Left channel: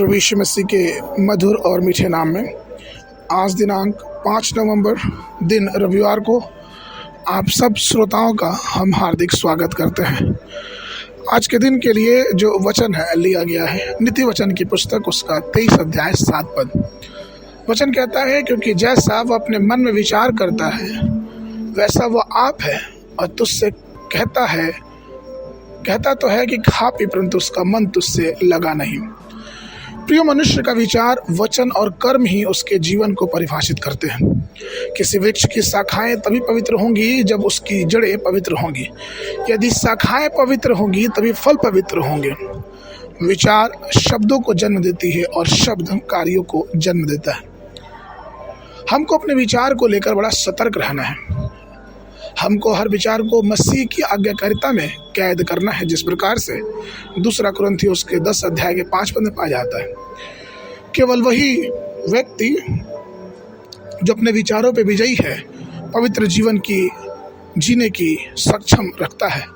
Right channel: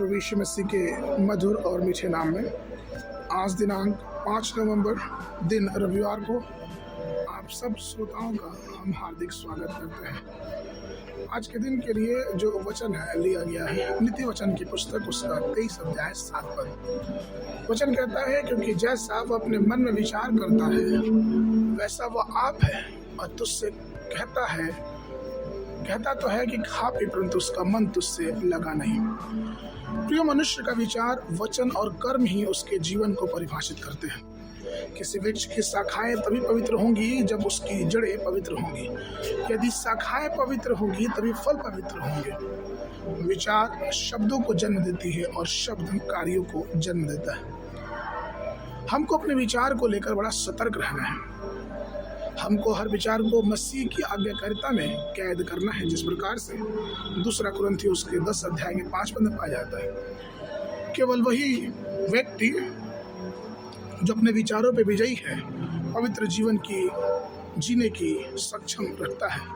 प्रभु यीशु मसीह के मधुर और मीठे नाम में आज दिनांक 5 नवंबर दिन रविवार को आप सब श्रोताओं का हम हार्दिक स्वागत करते हैं। आज के दिन के लिए जो वचन है लिया गया है नीति वचन की पुस्तक उसका 23 अध्याय 7 पद। वचन कहता है, क्योंकि जैसा वह अपने मन में विचार करता है वैसा वह आप है, और तुझसे कहता तो है कि खा पी, परंतु उसका मन तुझसे लगा नहीं। प्रिय, मनुष्य का विचार, वचन और कर्म ही उसके जीवन को परिभाषित करते हैं। किसी वृक्ष की शाखाएं तभी पवित्र होंगी जब उसकी जड़ें पवित्र होंगी। यदि शाखाएं पवित्र होंगी तभी फल पवित्र होंगे। विचार शब्दों को जन्म देती है और शब्द कार्यों को जन्म देता है। हमको अपने विचार को लेकर बड़ा सतर्क रहना है। हमको हर विचार को मसीह की आज्ञाकारिता में कैद करना है, जिस प्रकार से 2 कुरिन्थियों उसके 10 अध्याय के 5 पद में पाया जाता है। केवल वही व्यक्ति जो अपने विचारों पे विजयी है पवित्र जीवन की जीने की सक्षम रखता है।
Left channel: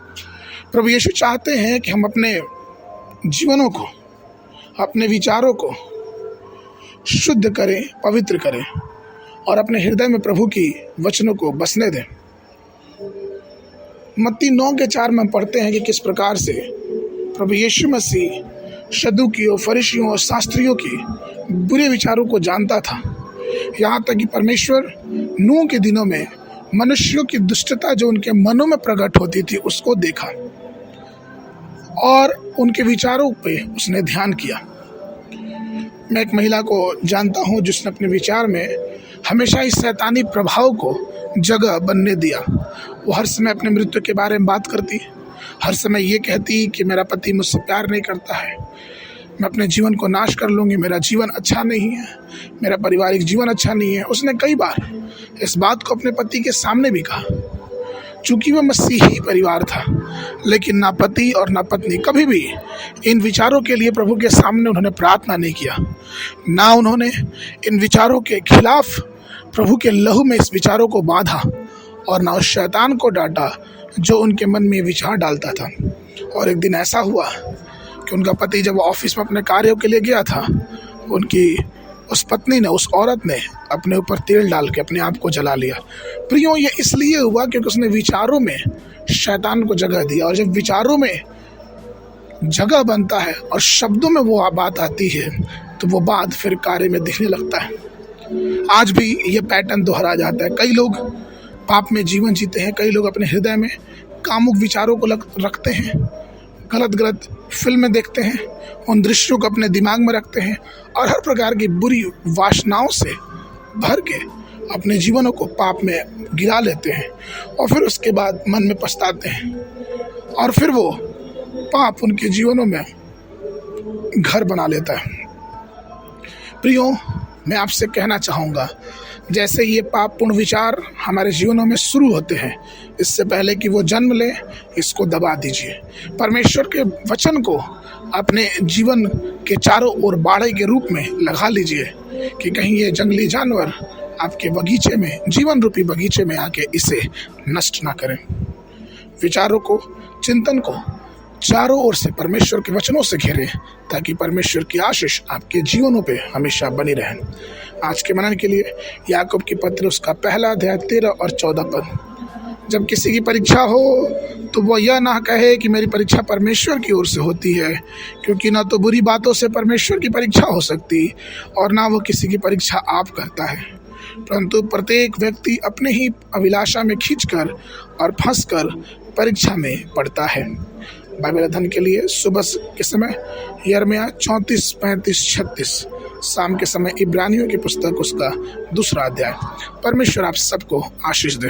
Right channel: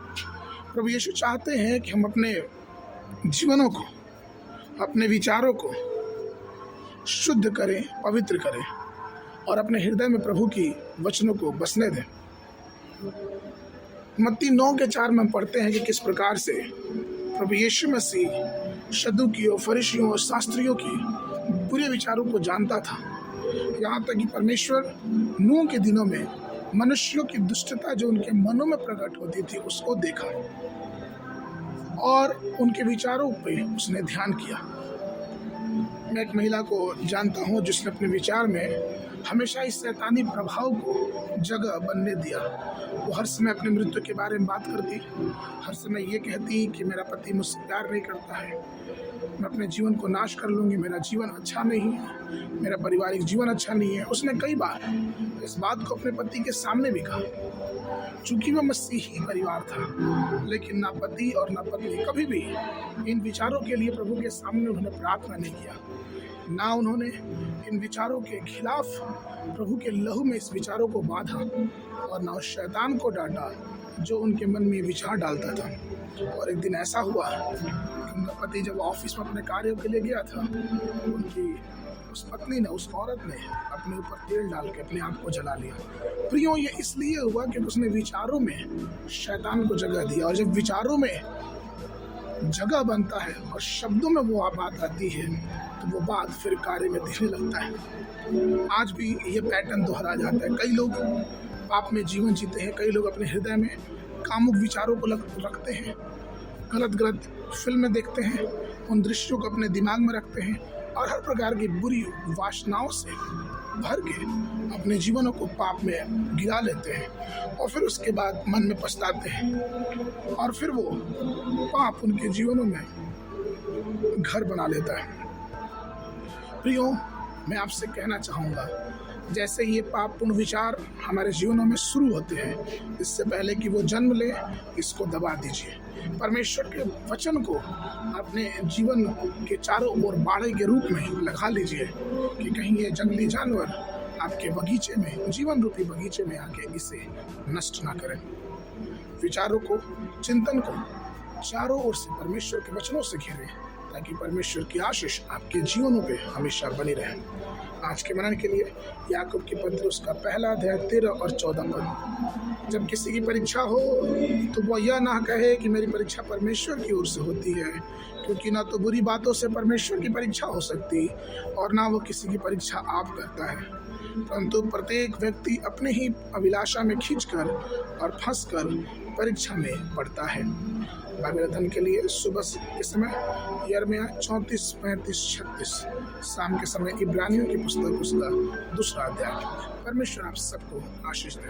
प्रभु यीशु चाहते हैं कि हम अपने जीवनों को, अपने विचारों को शुद्ध करें, पवित्र करें और अपने हृदय में प्रभु की वचनों को बसने दें। मत्ती 9:4 में पढ़ते हैं कि किस प्रकार से प्रभु यीशु मसीह सदूकियों, फरीसियों और शास्त्रियों की बुरे विचारों को जानता था। यहाँ तक कि परमेश्वर नूह के दिनों में मनुष्यों की दुष्टता जो उनके मनों में प्रकट होती थी उसको देखा और उनके विचारों पे उसने ध्यान किया। मैं एक महिला को जानता हूँ जिसने अपने विचार में हमेशा इस शैतानी प्रभाव को जगह बनने दिया। वो हर समय अपने मृत्यु के बारे में बात करती, हर समय ये कहती कि मेरा पति मुझसे प्यार नहीं करता है, मैं अपने जीवन को नाश कर लूँगी, मेरा जीवन अच्छा नहीं है, मेरा पारिवारिक जीवन अच्छा नहीं है। उसने कई बार इस बात को अपने पति के सामने भी कहा। चूँकि वह मसीही परिवार था, लेकिन ना पति और ना पत्नी कभी भी इन विचारों के लिए प्रभु के सामने उन्होंने प्रार्थना नहीं किया, ना उन्होंने इन विचारों के खिलाफ प्रभु के लहू में इस विचारों को बांधा और ना उस शैतान को डांटा जो उनके मन में विचार डालता था। और एक दिन ऐसा हुआ कि उनका पति जब ऑफिस में अपने कार्यों के लिए गया था, उनकी उस पत्नी ने, उस औरत ने अपने ऊपर तेल डाल के अपने आप को जला लिया। प्रियो, ये इसलिए हुआ क्योंकि उसने विचारों में शैतान को जगह दी। और जब विचारों में जगह बनता है और शब्दों में वो बात आती है तो वो बात फिर कार्य में दिखने लगता है। आज भी ये पैटर्न दोहरा जाता है। कई लोग पाप में जीवन जीते हैं, कई लोग अपने हृदय में कामुक विचारों को रखते हैं, गलत फिल्में देखते हैं, उन दृश्यों को अपने दिमाग में रखते हैं और हर प्रकार की बुरी वासनाओं से भर के अपने जीवनों को पाप में गिरा लेते हैं और फिर उसके बाद मन में पछताते हैं और फिर वो पाप उनके जीवनों में घर बना लेता है। प्रियो, मैं आपसे कहना चाहूँगा, जैसे ये पापपूर्ण विचार हमारे जीवनों में शुरू होते हैं, इससे पहले कि वो जन्म ले, इसको दबा दीजिए। परमेश्वर के वचन को अपने जीवन के चारों ओर बाड़े के रूप में लगा लीजिए कि कहीं ये जंगली जानवर आपके बगीचे में, जीवन रूपी बगीचे में आके इसे नष्ट ना करें। विचारों को, चिंतन को चारों ओर से परमेश्वर के वचनों से घेरें ताकि परमेश्वर की आशीष आपके जीवनों पे हमेशा बनी रहे। आज के मनन के लिए याकूब की पत्र उसका 1 अध्याय 13 और 14 पद। जब किसी की परीक्षा हो तो वह यह ना कहे कि मेरी परीक्षा परमेश्वर की ओर से होती है, क्योंकि ना तो बुरी बातों से परमेश्वर की परीक्षा हो सकती और ना वो किसी की परीक्षा आप करता है, परंतु प्रत्येक व्यक्ति अपने ही अभिलाषा में खींचकर और फंसकर परीक्षा में पड़ता है। बाइबल अध्ययन के लिए सुबह के समय यिर्मयाह 34, 35, 36, शाम के समय इब्रानियों की पुस्तक उसका 2 अध्याय। परमेश्वर आप सबको आशीष दे।